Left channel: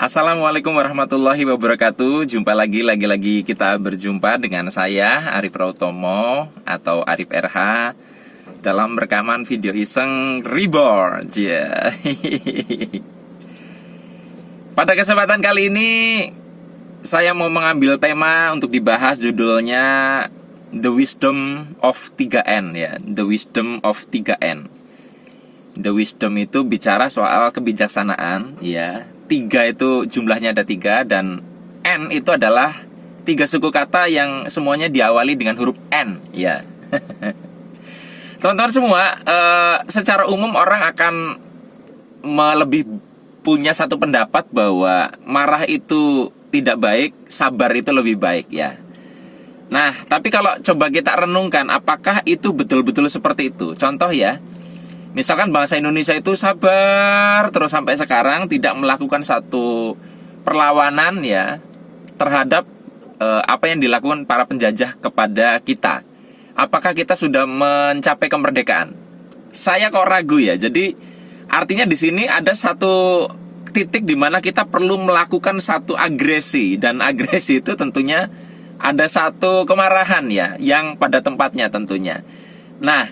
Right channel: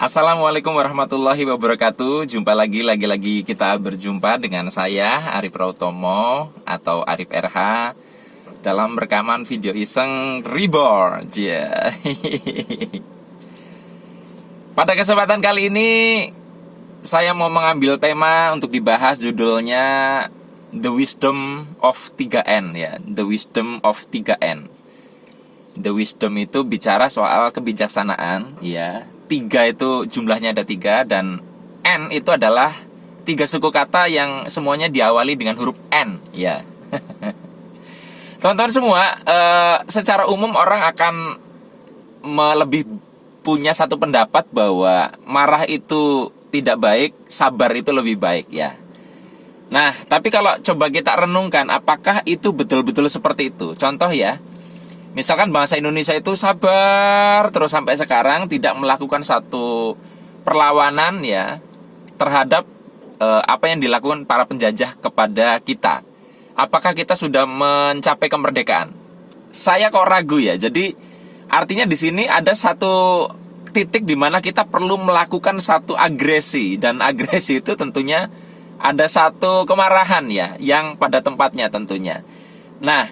Assalamualaikum warahmatullahi wabarakatuh. Jumpa lagi kita berjumpa dengan saya Arif Rautomo atau Arif RH dalam rekaman video iseng Reborn. Yeah. Pada kesempatan kali ini saya mau mengambil tema untuk dibahas, judulnya The Wisdom of 3N ya. The Wisdom of 3N. The Wisdom itu bicara soal kebijaksanaan ya. 3 itu jumlahnya ada 3, dan N itu adalah 3 suku kata yang semuanya diawali dengan huruf N ya. Teman-teman semua, secara umum orang akan lebih punya satu pendapat bahwa marah itu tidak baik, sabar itu lebih baik ya. Nah, tapi kalau coba kita renungkan, apakah itu betul-betul seperti itu? Contoh ya, misalkan bangsa Indonesia itu sabar terus sampai sekarang, tidak melakukan satu perlawanan ya terhadap apa yang dilakukan para penjajah kepada kita. Apakah kita sudah mencapai kemerdekaan? Saya kok ragu ya. Jadi artinya di sini ada satu titik di mana kita perlu melakukan satu agresi, dan agresi itu tentunya ada satu kemarahan ya yang pada tempatnya tentunya. Nah,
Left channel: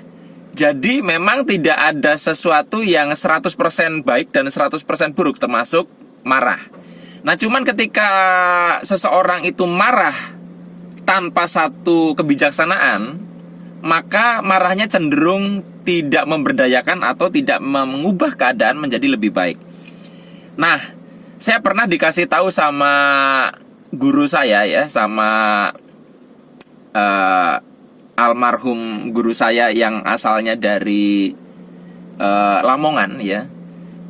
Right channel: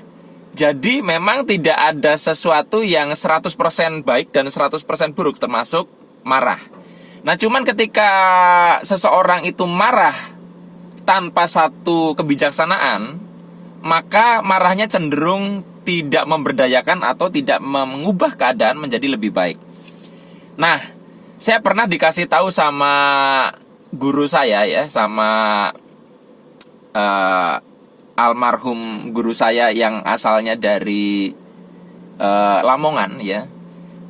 jadi memang tidak ada sesuatu yang 100% baik dan 100% buruk, termasuk marah. Nah, cuman ketika seseorang itu marah tanpa satu kebijaksanaan, maka marahnya cenderung tidak memberdayakan atau tidak mengubah keadaan menjadi lebih baik. Nah, saya pernah dikasih tahu sama guru saya ya, sama almarhum guru saya yang asalnya dari Lamongan ya.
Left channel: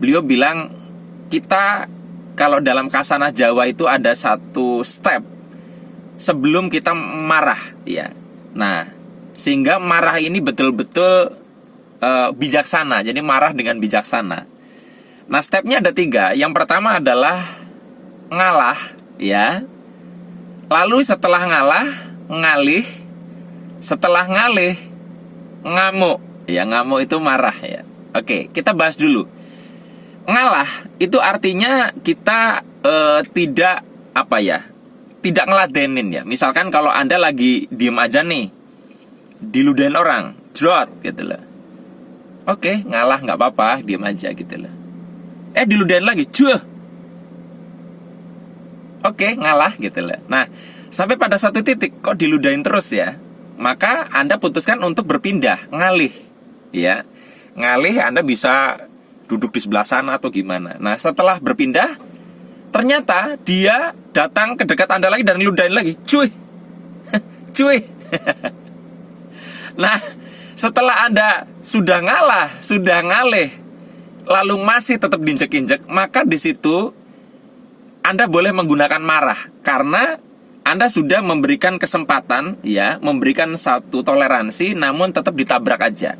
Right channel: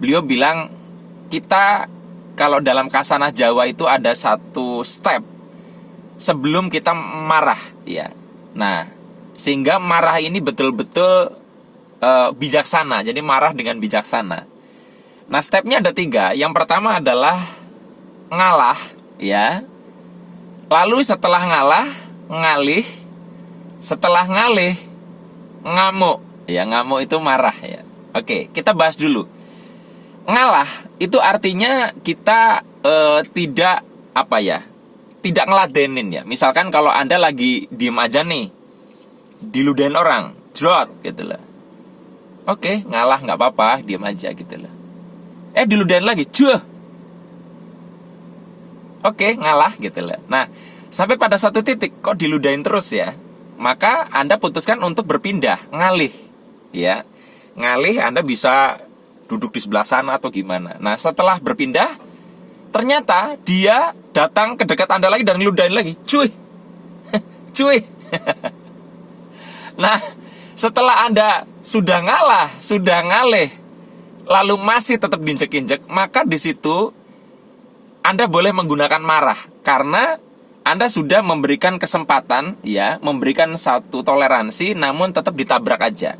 Beliau bilang, kita kalau dalam kasanah Jawa itu ada satu step sebelum kita marah ya. Nah, sehingga marah ini betul-betul bijaksana. Jadi marah dengan bijaksana. Nah, stepnya ada 3. Yang pertama adalah ngalah ya. Lalu setelah ngalah, ngalih. Setelah ngalih, ngamuk. Ya, ngamuk itu marah ya. Oke, kita bahas dulu. Ngalah itu artinya kita tidak tidak ngeladenin ya. Misalkan kalau Anda lagi diem aja nih, diludahin orang, jrot gitu loh. Oke, ngalah, nggak apa-apa, diem aja gitu loh. Diludahin lagi, cuh. Oke, ngalah gitu loh. Nah, sampai pada satu titik kok diludahin terus ya, maka Anda putuskan untuk berpindah, ngalih ya. Ngalih, Anda bisa duduk di sebelah sana atau gimana. Nah, setelah berpindah, ternyata dia datang ke dekat Anda lagi dan ngeludahin lagi, cuy. Cuy. Nah, setelah Anda sudah ngalah, sudah ngalih, lalu masih tetap diinjek-injek, maka di situ Anda boleh menggunakan marah, karena Anda sudah memberikan kesempatan ya, memberikan satu toleransi, namun tetap ditabrak aja.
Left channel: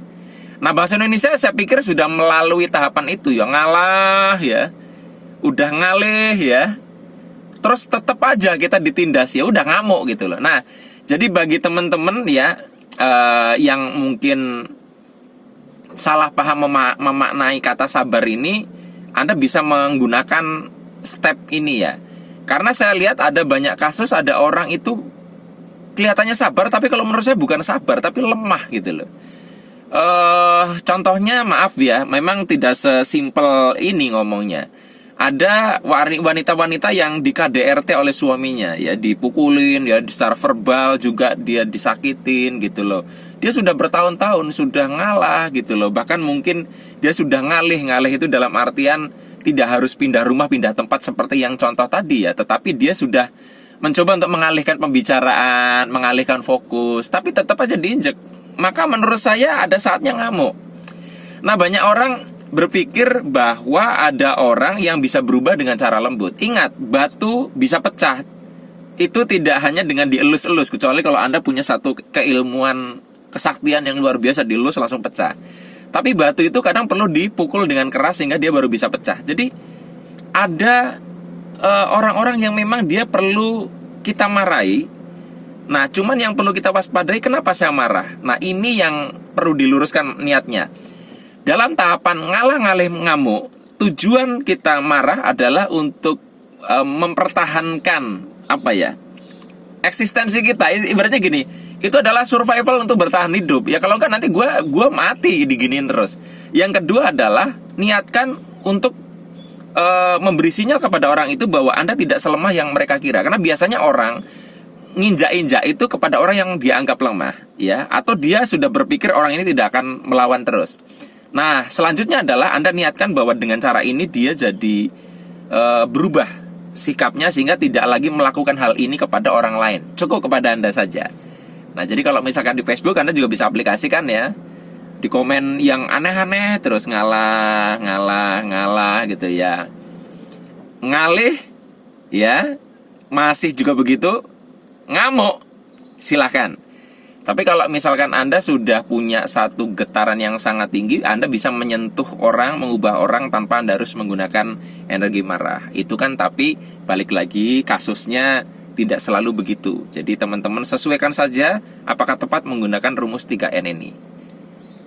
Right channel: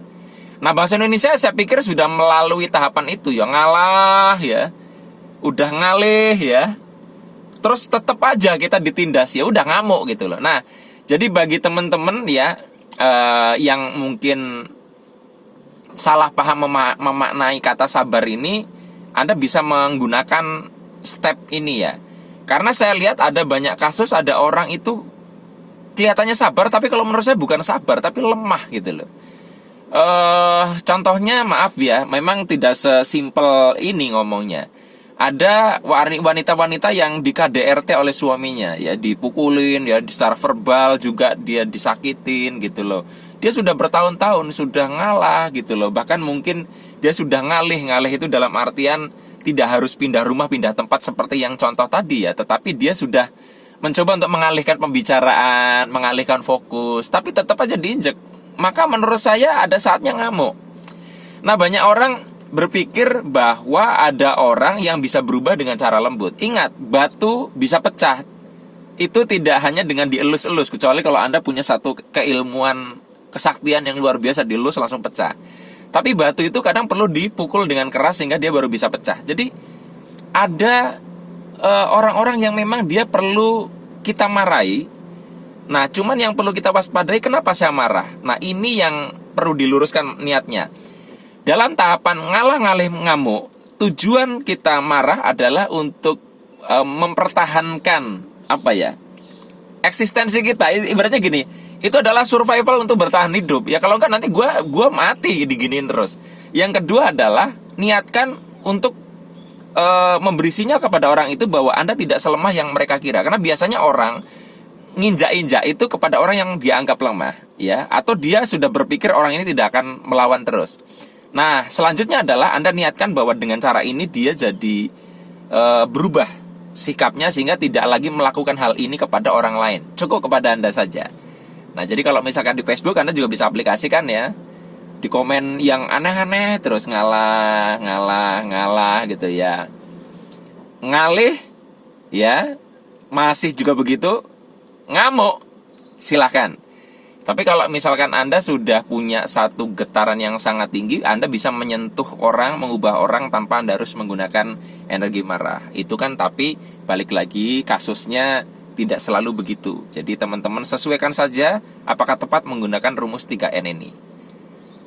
Nah, bangsa Indonesia saya pikir sudah melalui tahapan itu ya, ngalah ya, udah ngalih ya, terus tetap aja kita ditindas ya, udah ngamuk gitu loh. Nah, jadi bagi teman-teman ya yang mungkin salah paham memaknai kata sabar ini, Anda bisa menggunakan step ini ya. Karena saya lihat ada banyak kasus, ada orang itu kelihatannya sabar, tapi kalau menurut saya bukan sabar, tapi lemah gitu loh. Contohnya, maaf ya, memang tidak sesimpel ini ngomongnya. Ada wanita-wanita yang di KDRT oleh suaminya ya, dipukulin ya, secara verbal juga dia disakitin gitu loh. Dia sudah bertahun-tahun sudah ngalah gitu loh. Bahkan mungkin dia sudah ngalih itu dalam artian tidak harus pindah rumah, pindah tempat seperti yang contoh tadi ya, tetapi dia sudah mencoba untuk mengalihkan pembicaraan, mengalihkan fokus, tapi tetap aja diinjek. Maka menurut saya ada saatnya ngamuk. Nah, banyak orang berpikir bahwa ada orang yang bisa berubah dengan cara lembut. Ingat, batu bisa pecah itu tidak hanya dengan dielus-elus, kecuali kalau Anda punya satu keilmuan, kesaktian yang luar biasa, dielus langsung pecah. Tapi batu itu kadang perlu dipukul dengan keras sehingga dia baru bisa pecah. Jadi ada orang-orang yang memang dia perlu kita marahi. Nah, cuman yang perlu kita waspadai, kenapa saya marah? Nah, ini yang perlu diluruskan niatnya. Dalam tahapan ngalah ngalih ngamuk, tujuan kita marah adalah untuk mempertahankan apa ya, eksistensi kita. Ibaratnya gini, itu adalah survival untuk bertahan hidup. Ya kalau enggak nanti gue mati diginiin terus. Yang kedua adalah niatkan untuk memberi sinyal kepada orang itu bahwa Anda tidak selemah yang mereka kira. Karena biasanya orang nginjak-injak itu kepada orang yang dia anggap lemah, ya, atau dia sudah berpikir orang ini tidak akan melawan terus. Nah, selanjutnya adalah Anda niatkan bahwa dengan cara ini dia jadi berubah sikapnya sehingga tidak lagi melakukan hal ini kepada orang lain. Cukup kepada Anda saja. Nah, jadi kalau misalkan di Facebook Anda juga bisa aplikasikan ya. Di komen yang aneh-aneh terus ngalah gitu ya. Ngalih ya, masih juga begitu ngamuk, silakan. Tapi kalau misalkan Anda sudah punya satu getaran yang sangat tinggi, Anda bisa menyentuh orang, mengubah orang tanpa Anda harus menggunakan energi marah. Itu kan, tapi balik lagi kasusnya tidak selalu begitu. Jadi teman-teman sesuaikan saja apakah tepat menggunakan rumus 3N ini.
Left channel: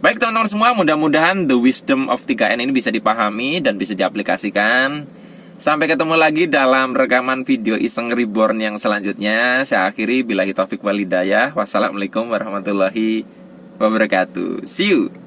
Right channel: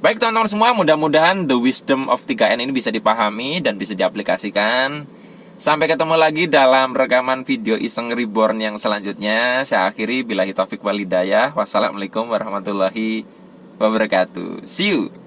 Baik teman-teman semua, mudah-mudahan the wisdom of 3N ini bisa dipahami dan bisa diaplikasikan. Sampai ketemu lagi dalam rekaman video Iseng Reborn yang selanjutnya. Saya akhiri, billahi taufik wal hidayah. Wassalamualaikum warahmatullahi wabarakatuh. See you.